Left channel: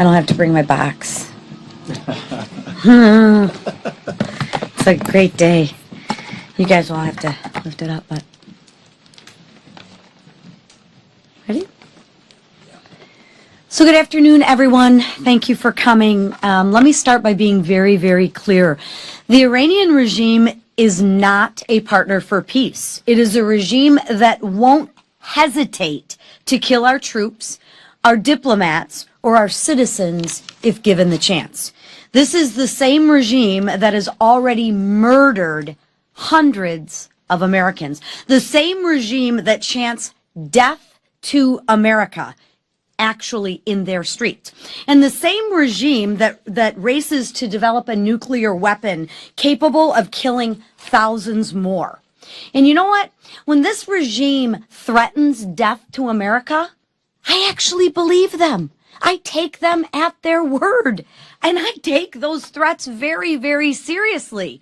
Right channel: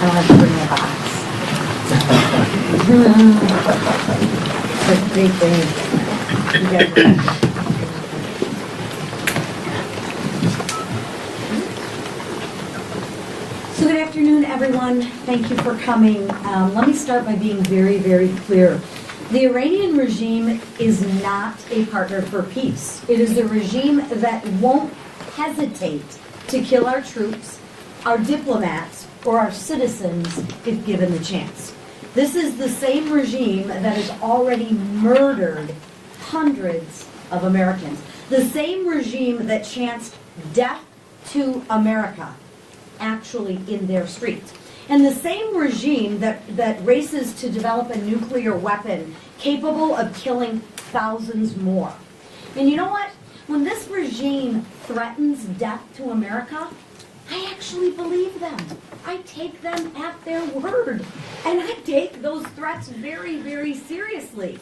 I don't have to bring my box. It's a great day. You guys won't have to get up with. So good afternoon, everyone. Thank you for coming. Let me start by being very, very clear. The Iranian regime is not a partner for peace. It is a regime that won't hesitate to kill our troops, our diplomats, or our citizens if given the chance. This is the same regime that has already murdered hundreds of Americans. The same regime that chants death to America actually in their streets. And the same regime that races to develop a nuclear weapon capable of killing thousands more. And you know what? When this regime threatens death to America, I actually believe them. I take them at their word. And I take those threats very, very seriously.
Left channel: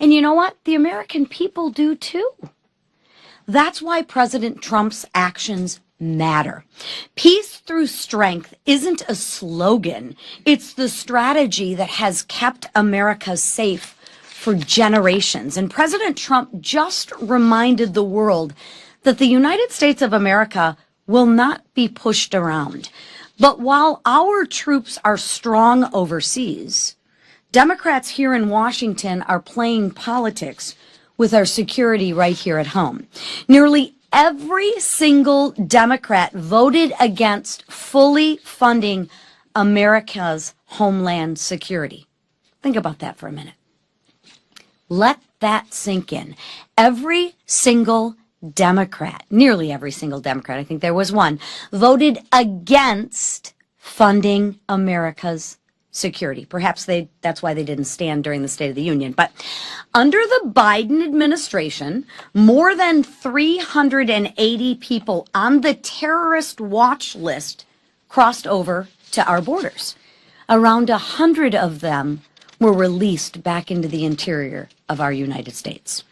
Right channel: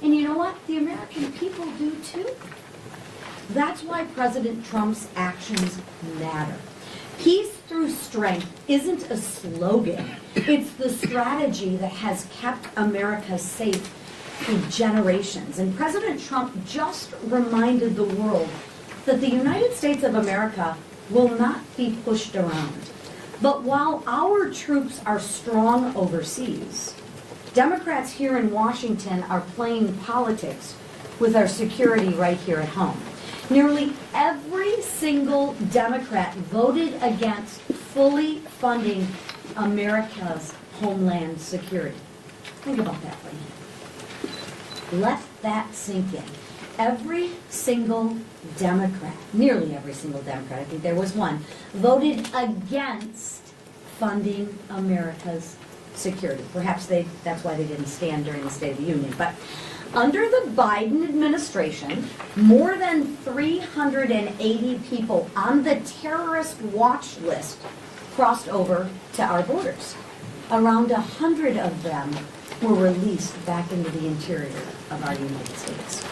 And you know what? The American people do too. That's why President Trump's actions matter. Peace through strength isn't a slogan. It's the strategy that has kept America safe for generations. And President Trump just reminded the world that the United States of America will not be pushed around. But while our troops are strong overseas, Democrats here in Washington are playing politics with our security right here at home. Nearly every single Democrat voted against fully funding America's homeland security. Think about that for a minute. Let that sink in. Every single Democrat, nearly every single Democrat, I think there was one, voted against funding America's security. Perhaps that's why they didn't stand during the State of the Union. But under the Biden administration, more than 380 people on the terrorist watch list crossed over to our borders. Around 100 of them were released back into the interior of our United States.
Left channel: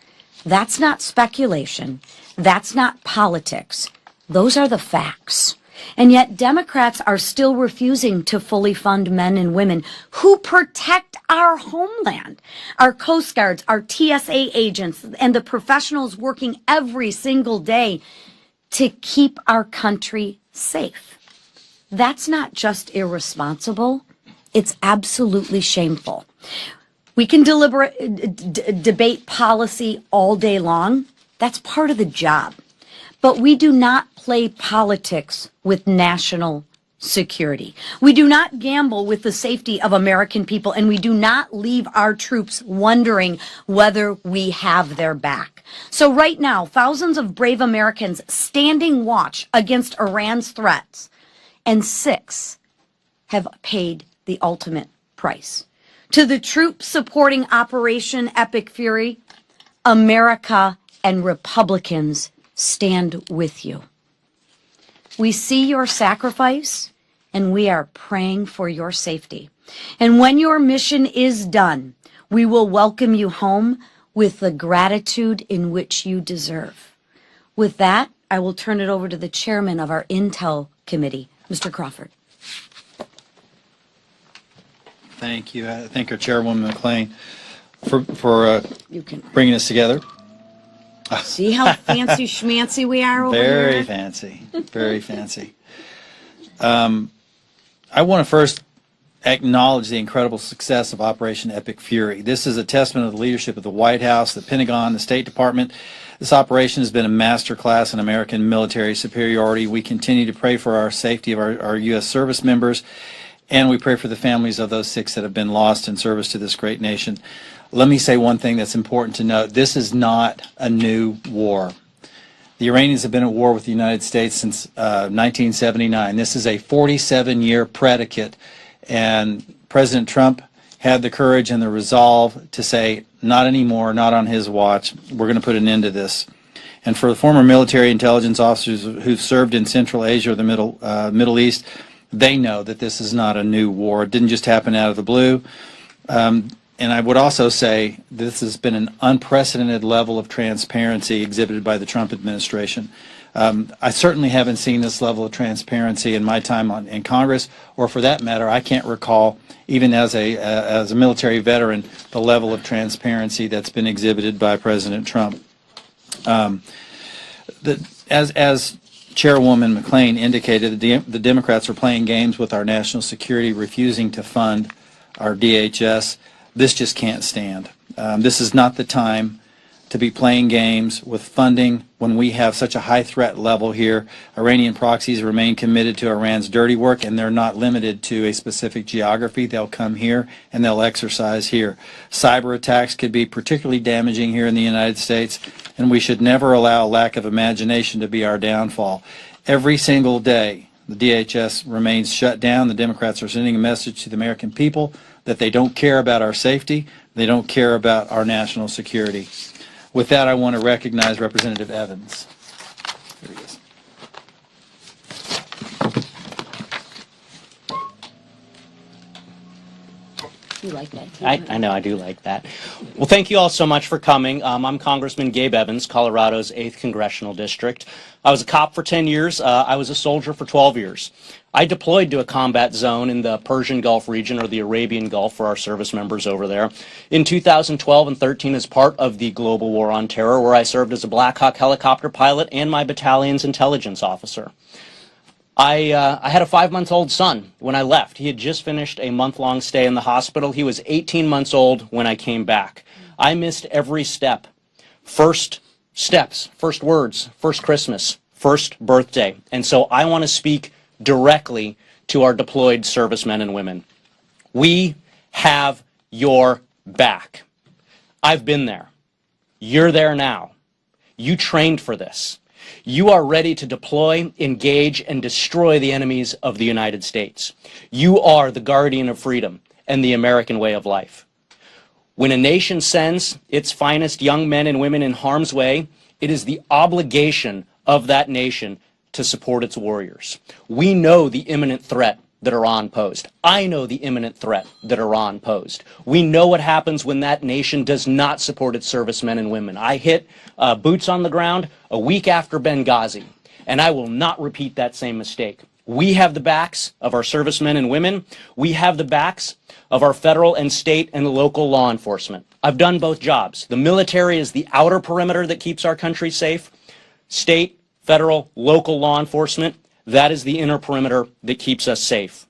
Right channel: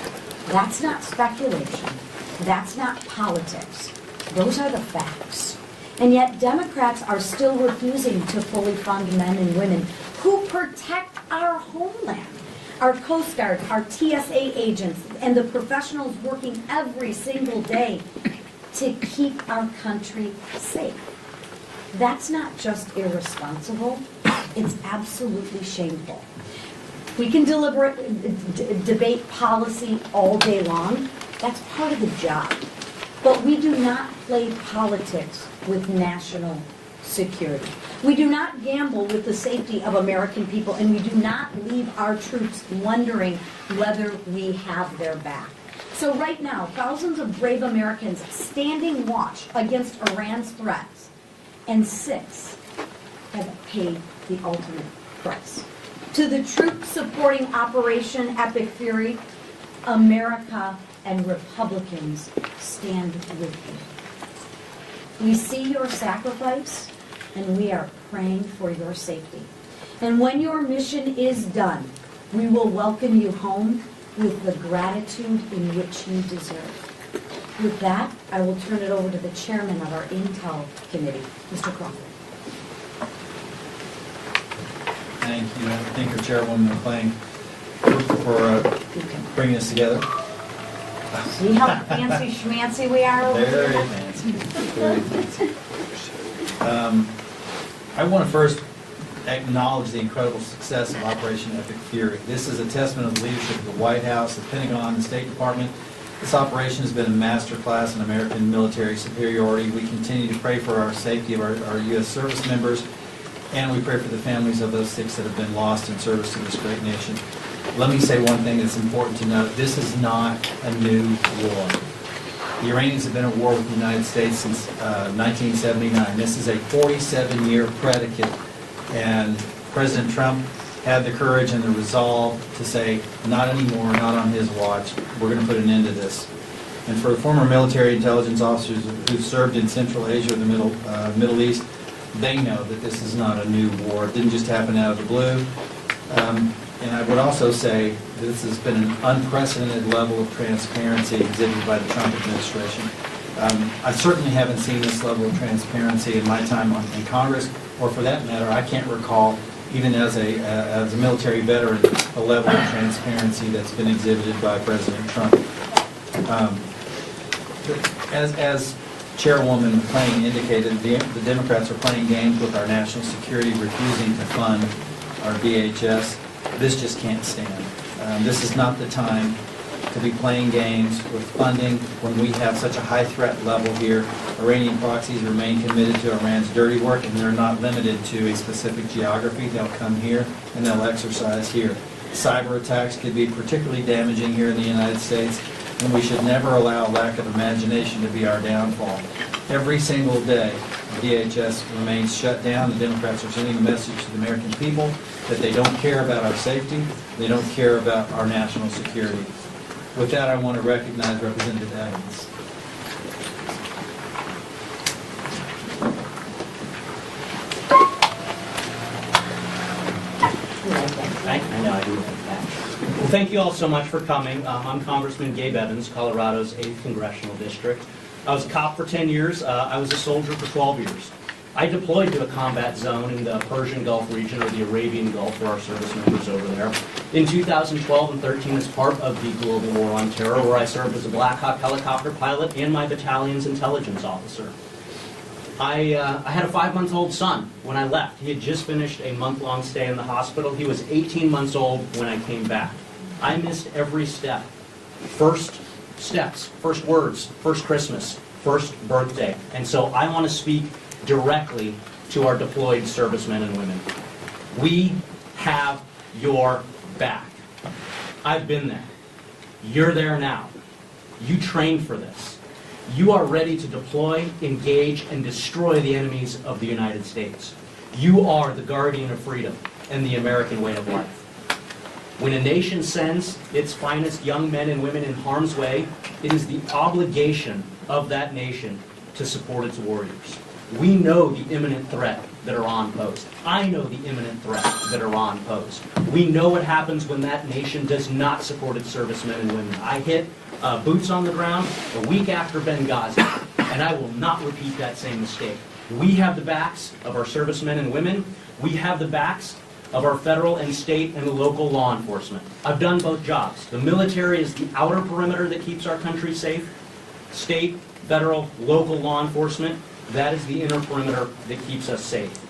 That's not speculation. That's not politics. Those are the facts. And yet Democrats are still refusing to fully fund men and women who protect our homeland. Our Coast Guards, our TSA agents, and the professionals working every single day to keep our country safe. That's not just irresponsible, it's absolutely shameful. We can debate policy all day long. That's part of the job. But we do not play politics with national security. We do not gamble with the safety of American people, and we do not leave our troops wondering whether we have their back. So right now, thousands of brave Americans standing watch against Iran's threats, and 6 have paid the ultimate price. To the troops supporting Operation Epic Fury, America and Republicans stand with you. We see your sacrifice, and we are praying for your safety. And when your mission is done, we will welcome you home with the gratitude in which you deserve. With that, I will turn it over to the chairman of our Intel Committee, Mr. Crawford. Thank you. I thank our Chairwoman McClain for bringing us together. See how fancy schmancy we are over Very here? fancy. Very fancy. I want to first acknowledge the incredible success of Operation Epic Fury. This is a testament of the leadership of the White House, the Pentagon, the State Department. This operation has been a masterclass in American military superiority. We continue to pray for our safety of our U.S. service members, and we pray for the families of those 6 that have been lost in service to this great nation. Let me say one thing that's important to note. This is not a new war. The Iranians have been at war with the United States since 1979. This is a 47-year predicate, and President Trump had the courage and the resolve to say, not anymore, not on his watch, we're going to put an end to this. And for the former military intelligence officers who've served in Central Asia or the Middle East, they know that this is not a new war. It didn't just happen out of the blue. And I would also say this has been an unprecedented level of transparency exhibited by the Trump administration. I certainly haven't seen this level of transparency in my time in Congress, or for that matter, I can't recall, even as a military veteran, the level of transparency that's been exhibited by President Trump. As Chairwoman McClain indicated, the Democrats are playing games with our national security, refusing to fund our DHS. This just can't stand. This is not the time to be playing games with funding when we have such a high threat level here. Iranian proxies remain committed to Iran's dirty work, and they're not limited to a specific geography. They'll come here and they'll exercise here. Cyber attacks could be particularly damaging here in the United States, and we should never allow lack of imagination to be our downfall. Every single day, DHS remains shut down. The Democrats are sending a message to the American people that they don't care about our safety, they don't care about our national security. With that, I want to recognize Representative Evans. I know, I do like that. Well, thank you all so much for coming. I'm Congressman Gabe Evans, Colorado's 8th Congressional District. I was a cop for 10 years. I was a soldier for 12 years. I deployed to a combat zone in the Persian Gulf region, or the Arabian Gulf for our service members over there, in 2012 and 13 as part of the global war on terror, where I served as a Black Hawk helicopter pilot and my battalion's intelligence officer. I had a 5-month-old son when I left. He had just finished a month-long stay in the hospital. He was 18 months old when I came back. I missed every step. First steps, first words, first Christmas, first birthday. And so I want to speak directly to our deployed servicemen and women. We have your back. I've been there. You're there now. You trained for this. You are ready to deploy, engage, and destroy the enemies of the United States. You are the guardian of freedom and the American way of life. When a nation sends its finest young men and women in harm's way, it is the obligation of that nation to support its warriors. We know the imminent threat that Iran posed. I know the imminent threat that Iran posed. We know what happens when that nation does not support its servicemen and women. I hit boots on the ground a week after Benghazi, and I will not repeat that same mistake. We have the backs of our servicemen and women. We have the backs of our federal and state and local law enforcement. I've done both jobs. The military is the outer perimeter that keeps our country safe. State, federal, local law enforcement, that is the inner perimeter that keeps us safe.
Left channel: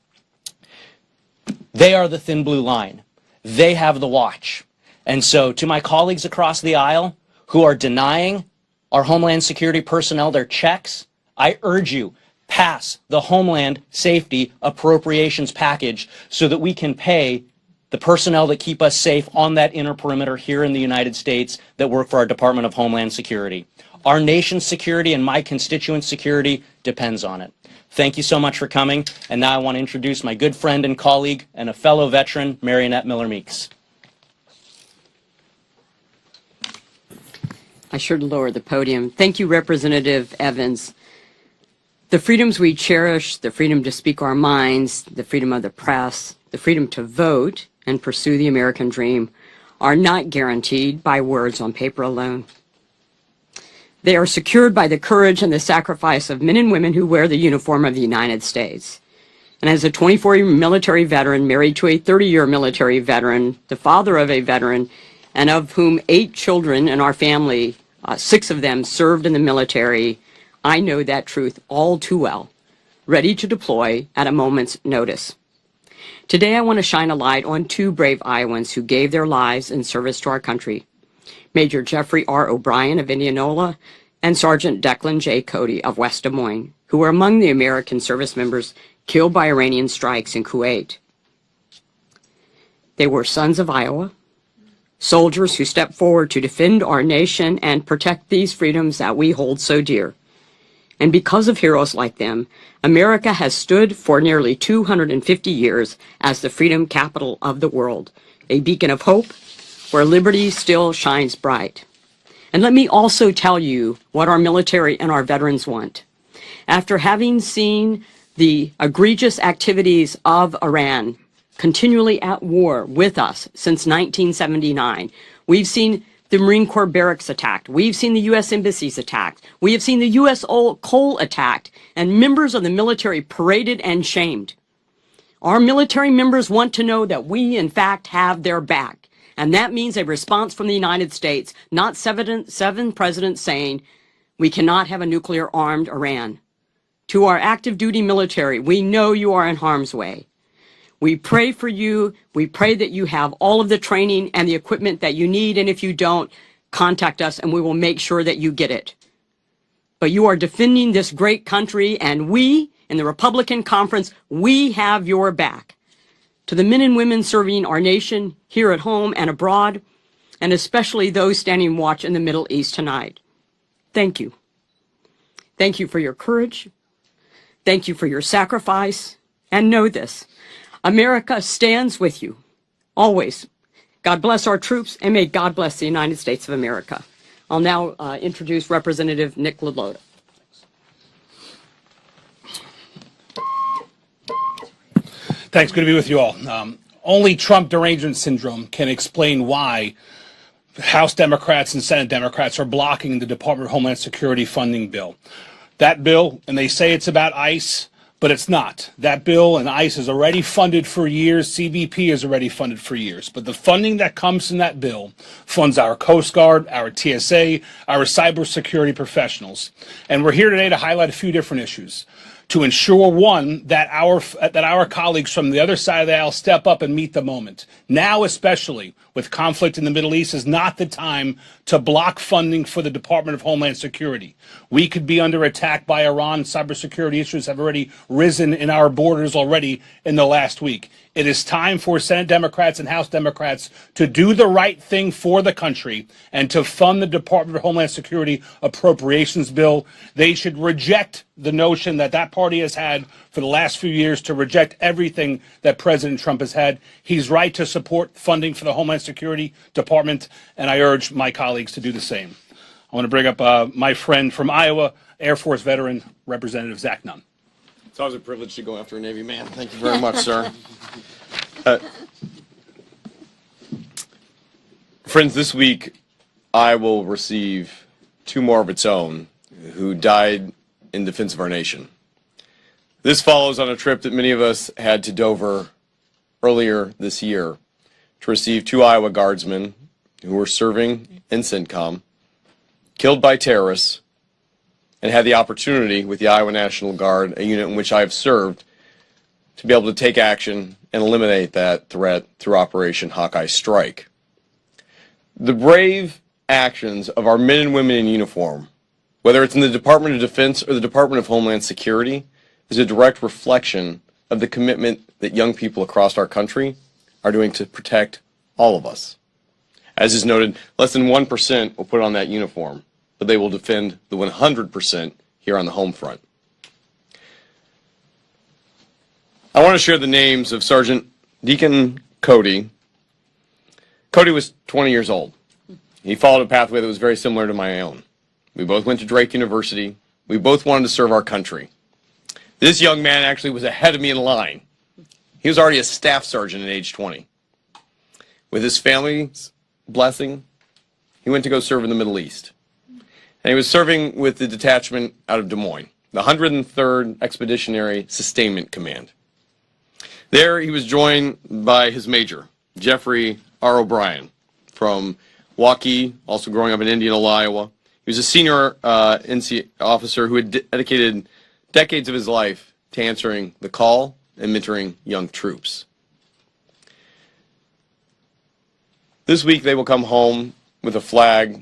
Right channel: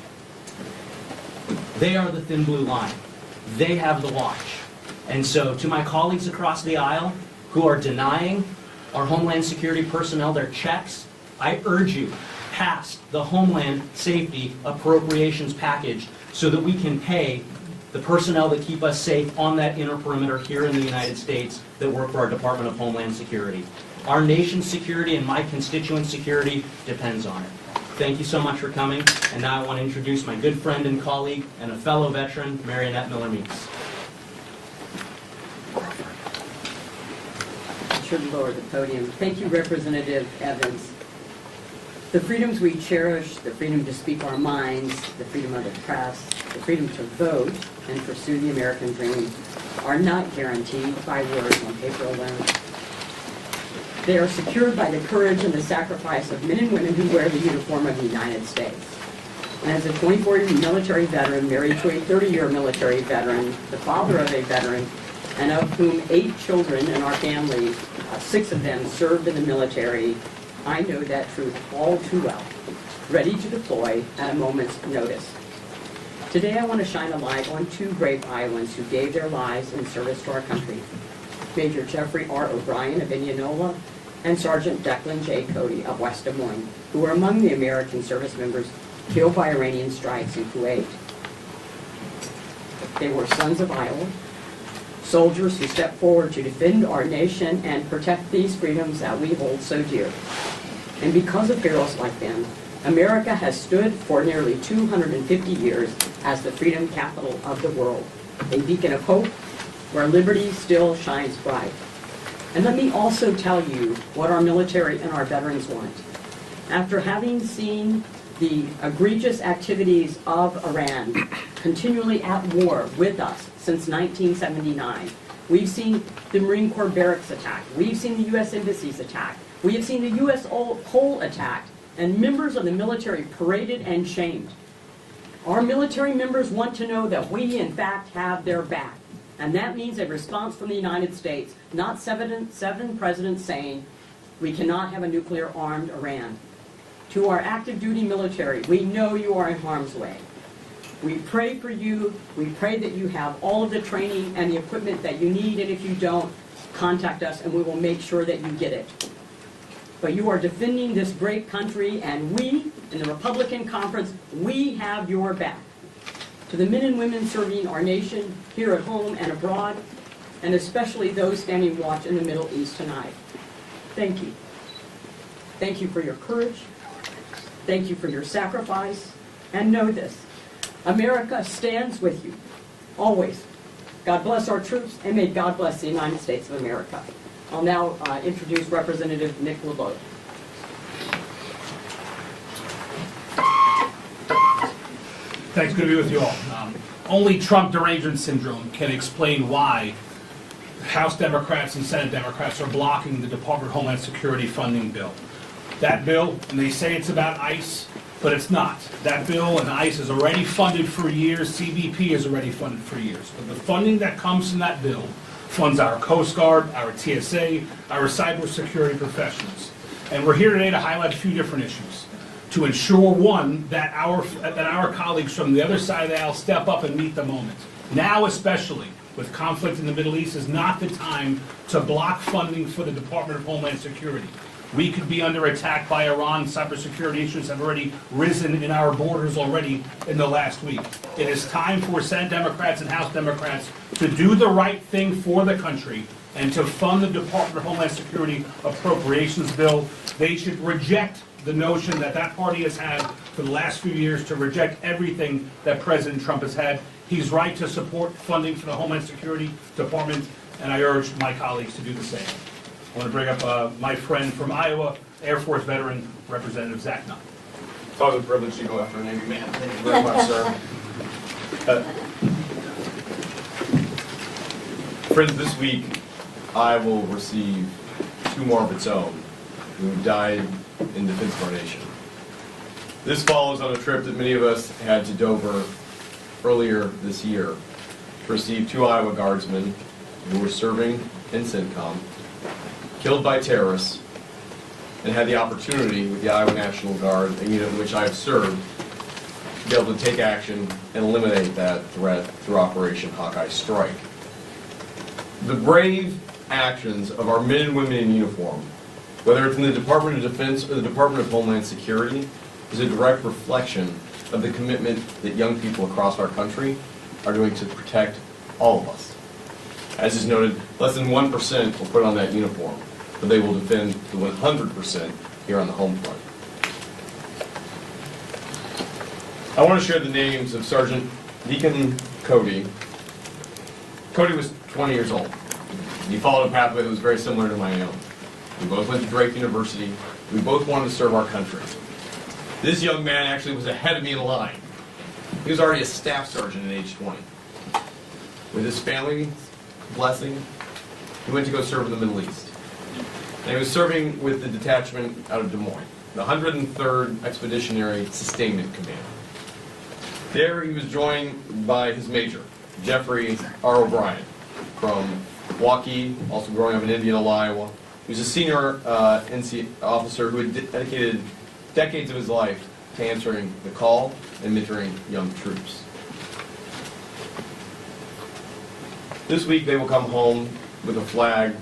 They are the thin blue line. They have the watch. And so to my colleagues across the aisle who are denying our Homeland Security personnel their checks, I urge you, pass the Homeland Safety Appropriations Package so that we can pay the personnel that keep us safe on that inner perimeter here in the United States that work for our Department of Homeland Security. Our nation's security and my constituents' security depends on it. Thank you so much for coming, and now I want to introduce my good friend and colleague and a fellow veteran, Marionette Miller-Meeks. I should lower the podium. Thank you, Representative Evans. The freedoms we cherish, the freedom to speak our minds, the freedom of the press, the freedom to vote and pursue the American dream are not guaranteed by words on paper alone. They are secured by the courage and the sacrifice of men and women who wear the uniform of the United States. And as a 24-year military veteran, married to a 30-year military veteran, the father of a veteran, and of whom 8 children in our family, 6 of them served in the military, I know that truth all too well, ready to deploy at a moment's notice. Today I want to shine a light on 2 brave Iowans who gave their lives in service to our country. Major Jeffrey R. O'Brien of Indianola and Sergeant Declan J. Cody of West Des Moines, who were among the American service members killed by Iranian strikes in Kuwait. They were sons of Iowa, soldiers who stepped forward to defend our nation and protect these freedoms that we hold so dear. And because of heroes like them, America has stood for nearly 250 years as the freedom capital of the world, a beacon of hope where liberty still shines bright. And let me also tell you what our military and our veterans want. After having seen the egregious activities of Iran continually at war with us since 1979, we've seen the Marine Corps barracks attacked, we've seen the U.S. embassies attacked, We have seen the U.S. coal attacked and members of the military paraded and shamed. Our military members want to know that we, in fact, have their back. And that means a response from the United States, not seven presidents saying we cannot have a nuclear-armed Iran. To our active duty military, we know you are in harm's way. We pray for you. We pray that you have all of the training and the equipment that you need, and if you don't, contact us and we will make sure that you get it. But you are defending this great country, and we, in the Republican Conference, we have your back. To the men and women serving our nation here at home and abroad, and especially those standing watch in the Middle East tonight, thank you. Thank you for your courage. Thank you for your sacrifice. And know this, America stands with you, always. God bless our troops, and may God bless the United States of America. I'll now introduce Representative Nick LeBeau. Thanks. Good to be with you all. Only Trump derangement syndrome can explain why House Democrats and Senate Democrats are blocking the Department of Homeland Security funding bill. That bill, and they say it's about ICE, but it's not. That bill and ICE is already funded for years. CBP is already funded for years. But the funding that comes from that bill funds our Coast Guard, our TSA, our cybersecurity professionals. And we're here today to highlight a few different issues, to ensure, one, that our colleagues from the other side of the aisle step up and meet the moment. Now, especially with conflict in the Middle East, is not the time to block funding for the Department of Homeland Security. We could be under attack by Iran. Cybersecurity issues have already risen in our borders already in the last week. It is time for Senate Democrats and House Democrats to do the right thing for the country and to fund the Department of Homeland Security appropriations bill. They should reject the notion that that party has had for the last few years to reject everything that President Trump has had. He's right to support funding for the Homeland Security Department, and I urge my colleagues to do the same. I want to bring up my friend from Iowa, Air Force veteran, Representative Zach Nunn. It's always a privilege to go after a Navy man. Thank you very much, sir. Friends, this week Iowa will receive two more of its own who died in defense of our nation. This follows on a trip that many of us had to Dover earlier this year to receive two Iowa Guardsmen who were serving in CENTCOM, killed by terrorists, and had the opportunity with the Iowa National Guard, a unit in which I have served, to be able to take action and eliminate that threat through Operation Hawkeye Strike. The brave actions of our men and women in uniform, whether it's in the Department of Defense or the Department of Homeland Security, is a direct reflection of the commitment that young people across our country are doing to protect all of us. As is noted, less than 1% will put on that uniform, but they will defend the 100% here on the home front. I want to share the names of Sergeant Deacon Cody. Cody was 20 years old. He followed a pathway that was very similar to my own. We both went to Drake University. We both wanted to serve our country. This young man actually was ahead of me in line. He was already a staff sergeant at age 20. With his family's blessing, he went to go serve in the Middle East. And he was serving with the detachment out of Des Moines, the 103rd Expeditionary Sustainment Command. There he was joined by his major, Jeffrey R. O'Brien, from Waukee, also growing up in Indianola, Iowa. He was a senior NC officer who had dedicated decades of his life to answering the call and mentoring young troops. This week they will come home with a flag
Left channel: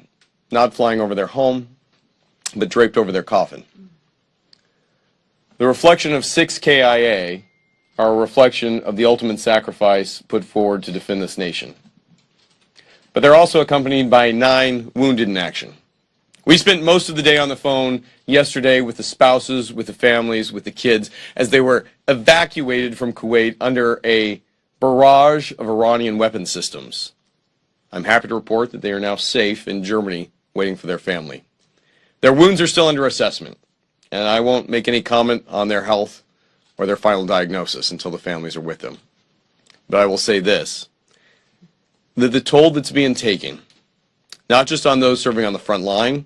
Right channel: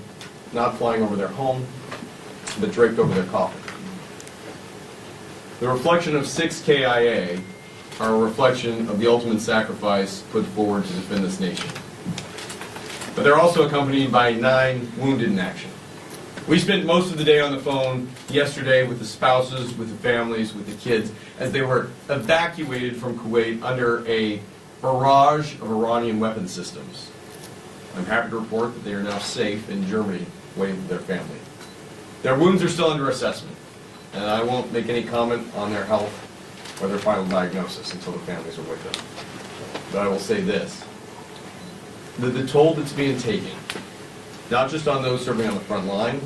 not flying over their home, but draped over their coffin. The reflection of 6 KIA are a reflection of the ultimate sacrifice put forward to defend this nation. But they're also accompanied by 9 wounded in action. We spent most of the day on the phone yesterday with the spouses, with the families, with the kids, as they were evacuated from Kuwait under a barrage of Iranian weapon systems. I'm happy to report that they are now safe in Germany, waiting for their family. Their wounds are still under assessment, and I won't make any comment on their health or their final diagnosis until the families are with them. But I will say this, that the toll that's being taken, not just on those serving on the front line,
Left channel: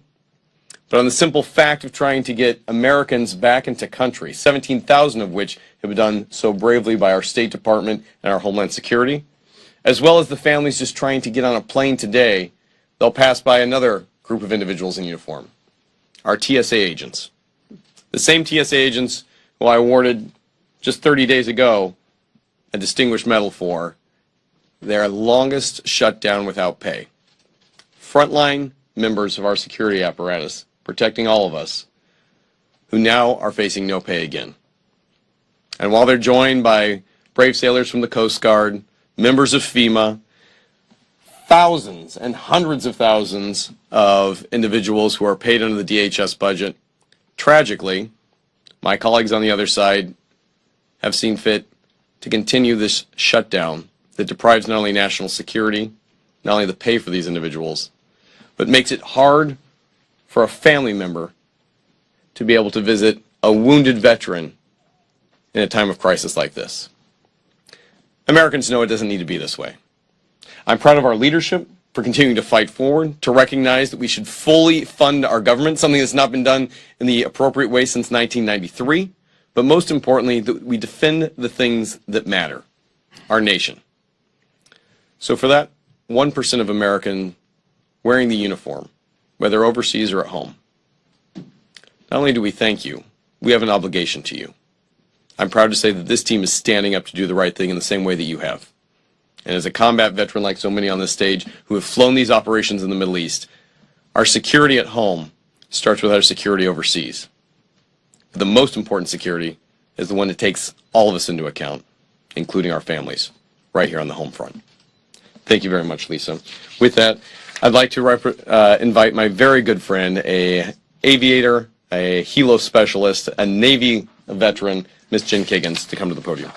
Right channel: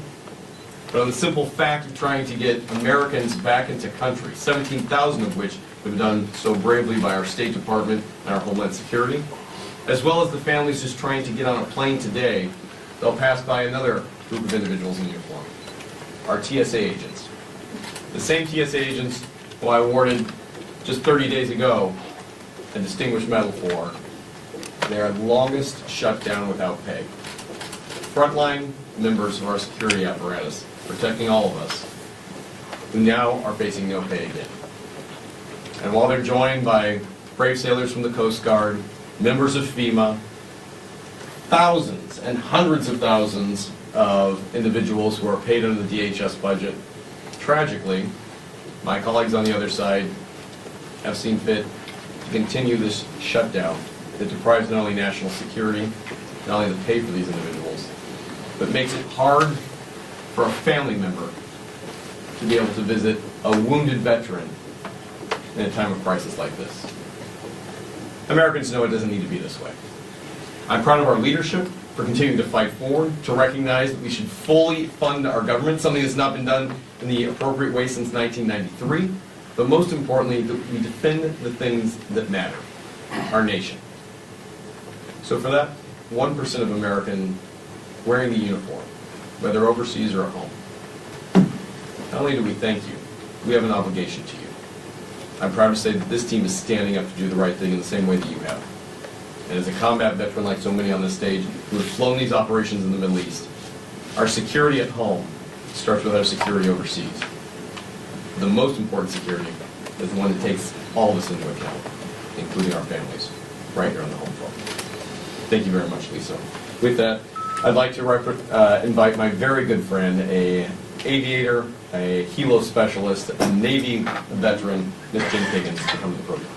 but on the simple fact of trying to get Americans back into country, 17,000 of which have been done so bravely by our State Department and our Homeland Security, as well as the families just trying to get on a plane today. They'll pass by another group of individuals in uniform, our TSA agents. The same TSA agents who I awarded just 30 days ago a Distinguished Medal for their longest shutdown without pay. Frontline members of our security apparatus, protecting all of us, who now are facing no pay again. And while they're joined by brave sailors from the Coast Guard, members of FEMA, thousands and hundreds of thousands of individuals who are paid under the DHS budget, tragically, my colleagues on the other side have seen fit to continue this shutdown that deprives not only national security, not only the pay for these individuals, but makes it hard for a family member to be able to visit a wounded veteran in a time of crisis like this. Americans know it doesn't need to be this way. I'm proud of our leadership for continuing to fight forward, to recognize that we should fully fund our government, something that's not been done in the appropriate way since 1993, but most importantly, that we defend the things that matter, our nation. So for that 1% of Americans wearing the uniform, whether overseas or at home, not only do we thank you, we have an obligation to you. I'm proud to say that this team is standing up to do the right thing in the same way that you have. And as a combat veteran like so many on this stage who have flown these operations in the Middle East, our security at home starts with our security overseas. The most important security is the one that takes all of us into account, including our families, right here on the home front. Thank you very much, Lisa. With that, I'd like to invite my very good friend, an aviator, a helo specialist, a Navy veteran, Ms. Jen Kiggins, to come to the podium.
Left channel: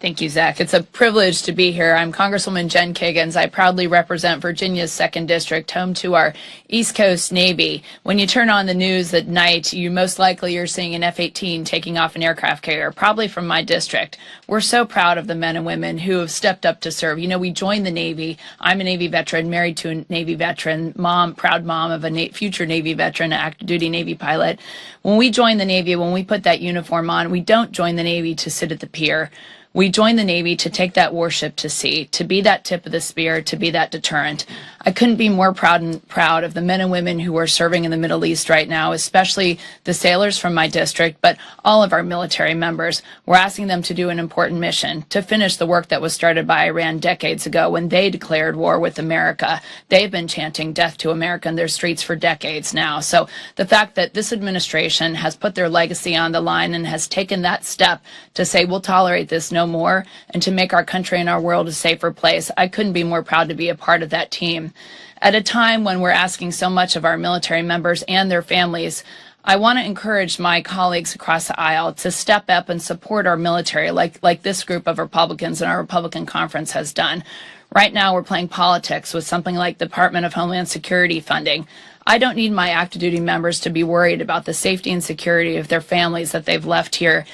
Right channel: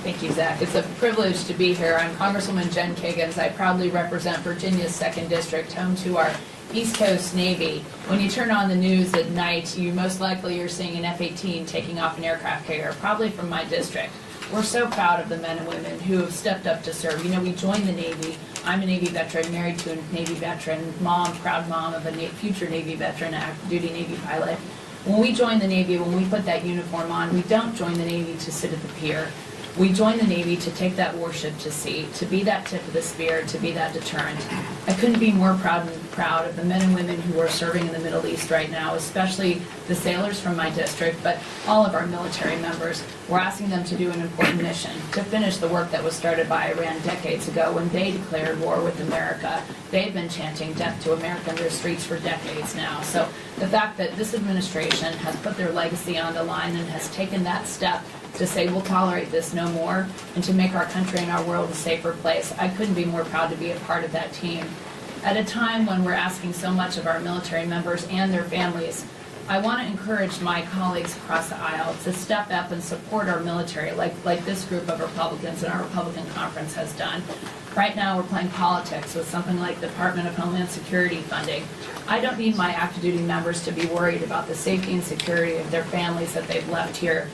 Thank you, Zach. It's a privilege to be here. I'm Congresswoman Jen Kiggins. I proudly represent Virginia's 2nd District, home to our East Coast Navy. When you turn on the news at night, you most likely are seeing an F-18 taking off an aircraft carrier, probably from my district. We're so proud of the men and women who have stepped up to serve. You know, we joined the Navy. I'm a Navy veteran, married to a Navy veteran, mom, proud mom of a future Navy veteran, active duty Navy pilot. When we join the Navy, when we put that uniform on, we don't join the Navy to sit at the pier. We join the Navy to take that warship to sea, to be that tip of the spear, to be that deterrent. I couldn't be more proud of the men and women who are serving in the Middle East right now, especially the sailors from my district, but all of our military members. We're asking them to do an important mission, to finish the work that was started by Iran decades ago when they declared war with America. They've been chanting death to America in their streets for decades now. So the fact that this administration has put their legacy on the line and has taken that step to say we'll tolerate this no more and to make our country and our world a safer place, I couldn't be more proud to be a part of that team. At a time when we're asking so much of our military members and their families, I want to encourage my colleagues across the aisle to step up and support our military like this group of Republicans in our Republican conference has done. Right now we're playing politics with something like the Department of Homeland Security funding. I don't need my active duty members to be worried about the safety and security of their families that they've left here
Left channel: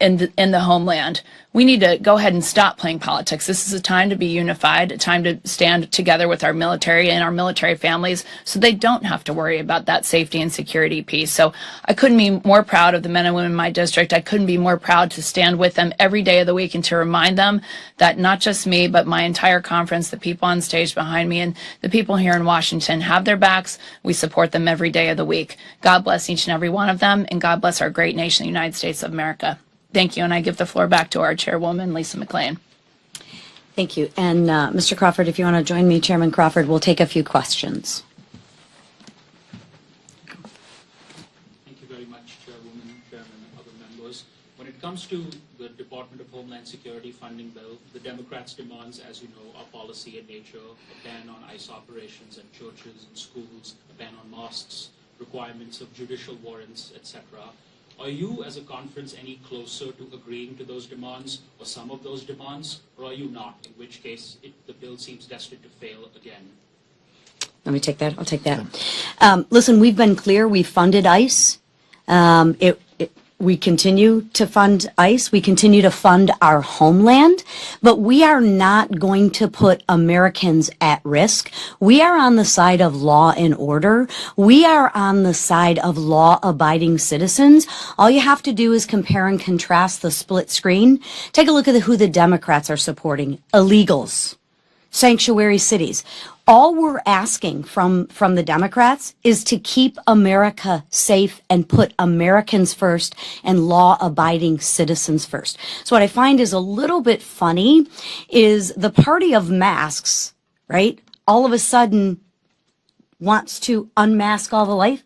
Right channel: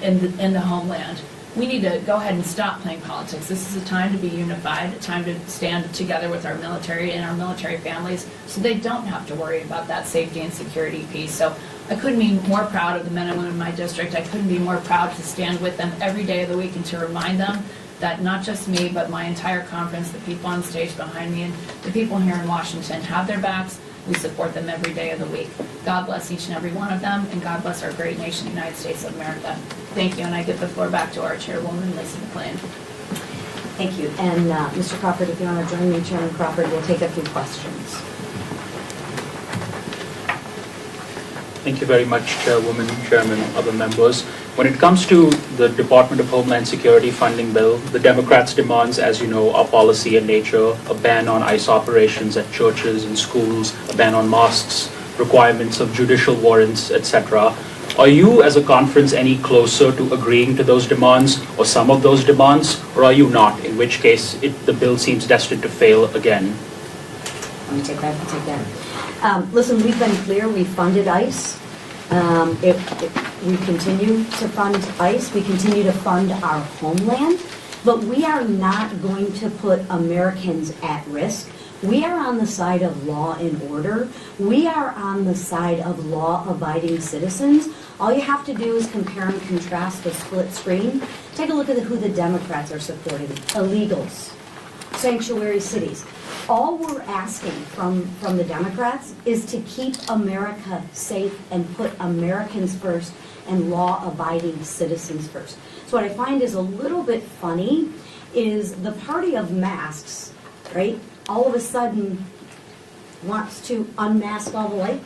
in the homeland. We need to go ahead and stop playing politics. This is a time to be unified, a time to stand together with our military and our military families so they don't have to worry about that safety and security piece. So I couldn't be more proud of the men and women in my district. I couldn't be more proud to stand with them every day of the week and to remind them that not just me, but my entire conference, the people on stage behind me, and the people here in Washington have their backs. We support them every day of the week. God bless each and every one of them, and God bless our great nation, the United States of America. Thank you, and I give the floor back to our chairwoman, Lisa McClain. Thank you. And Mr. Crawford, if you want to join me, Chairman Crawford, we'll take a few questions. Thank you very much, Chairwoman, Chairman, other members. When it comes to the Department of Homeland Security funding bill, the Democrats' demands, as you know, are policy in nature: a ban on ICE operations at churches and schools, a ban on mosques, requirements of judicial warrants, etc. Are you, as a conference, any closer to agreeing to those demands, or some of those demands, or are you not, in which case the bill seems destined to fail again? Let me take that. I'll take that. Listen, we've been clear. We funded ICE. We continue to fund ICE, we continue to fund our homeland, but we are not going to put Americans at risk. We are on the side of law and order. We are on the side of law-abiding citizens. All you have to do is compare and contrast the split screen. Take a look at who the Democrats are supporting. Illegals, sanctuary cities. All we're asking from the Democrats is to keep America safe and put Americans first and law-abiding citizens first. So what I find is a little bit funny is the party of masks, right, all of a sudden wants to unmask all the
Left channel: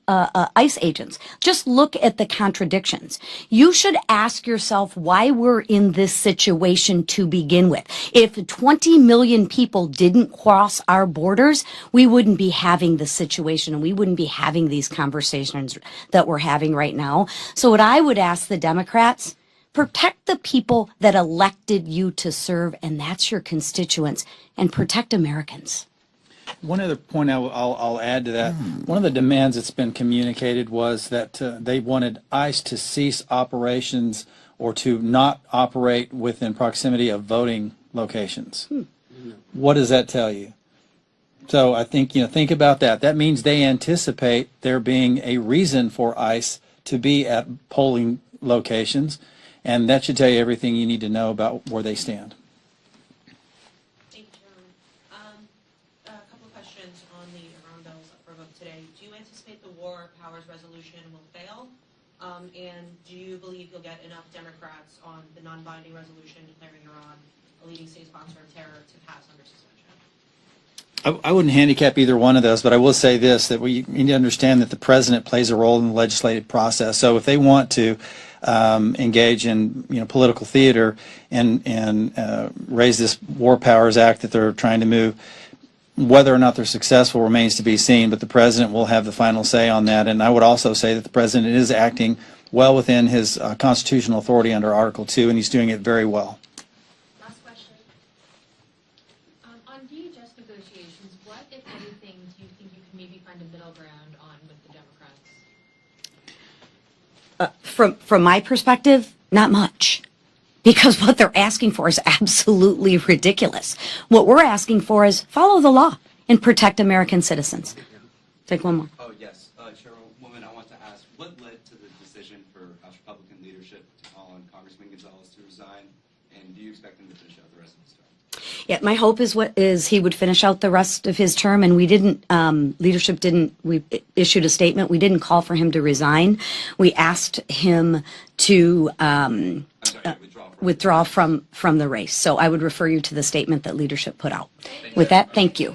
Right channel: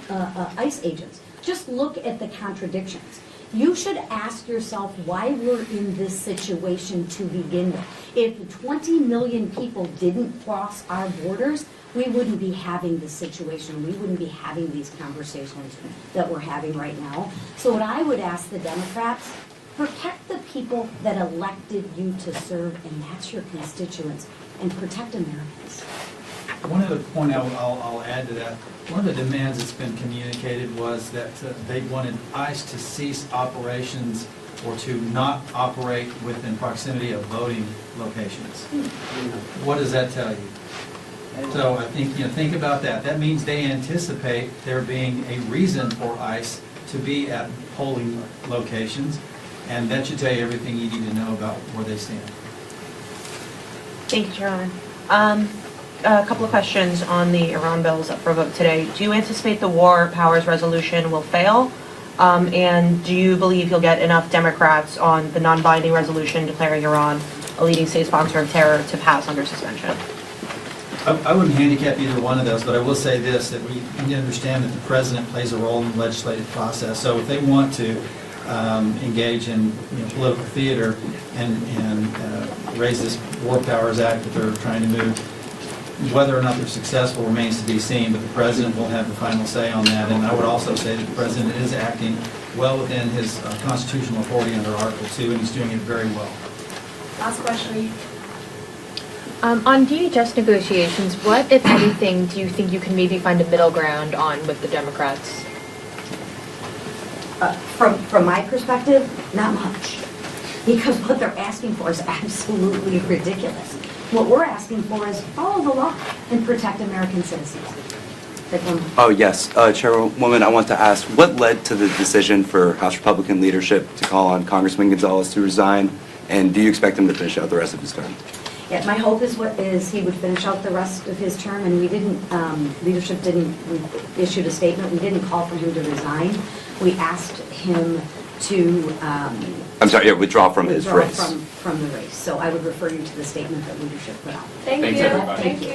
ICE agents. Just look at the contradictions. You should ask yourself why we're in this situation to begin with. If 20 million people didn't cross our borders, we wouldn't be having this situation and we wouldn't be having these conversations that we're having right now. So what I would ask the Democrats, protect the people that elected you to serve, and that's your constituents, and protect Americans. One other point I'll add to that, one of the demands that's been communicated was that they wanted ICE to cease operations or to not operate within proximity of voting locations. What does that tell you? So I think, think about that. That means they anticipate there being a reason for ICE to be at polling locations, and that should tell you everything you need to know about where they stand. Thank you, Chairman. A couple of questions on the Iran bills up for vote today. Do you anticipate the War Powers Resolution will fail? And do you believe you'll get enough Democrats on the non-binding resolution declaring Iran a leading state sponsor of terror to pass under suspension? I wouldn't handicap either one of those, but I will say this, that we need to understand that the president plays a role in the legislative process. So if they want to engage in political theater and raise this War Powers Act that they're trying to move, whether or not they're successful remains to be seen, but the president will have the final say on that. And I would also say that the president is acting well within his constitutional authority under Article 2, and he's doing it very well. Last question. On DHS negotiations, what, if anything, do you think you can maybe find a middle ground on with the Democrats? From my perspective, not much. Because what they're asking for is absolutely ridiculous. What we're asking for is follow the law and protect American citizens. Take one. Oh, yes. Chairwoman, I want to ask, what led to the decision for House Republican leadership to call on Congressman Gonzalez to resign, and do you expect him to finish out the rest of his term? Yeah, my hope is he would finish out the rest of his term, and we issued a statement. We didn't call for him to resign. We asked him to withdraw from his race. from the race. So I would refer you to the statement that leadership put out. Thank you. With that, thank you.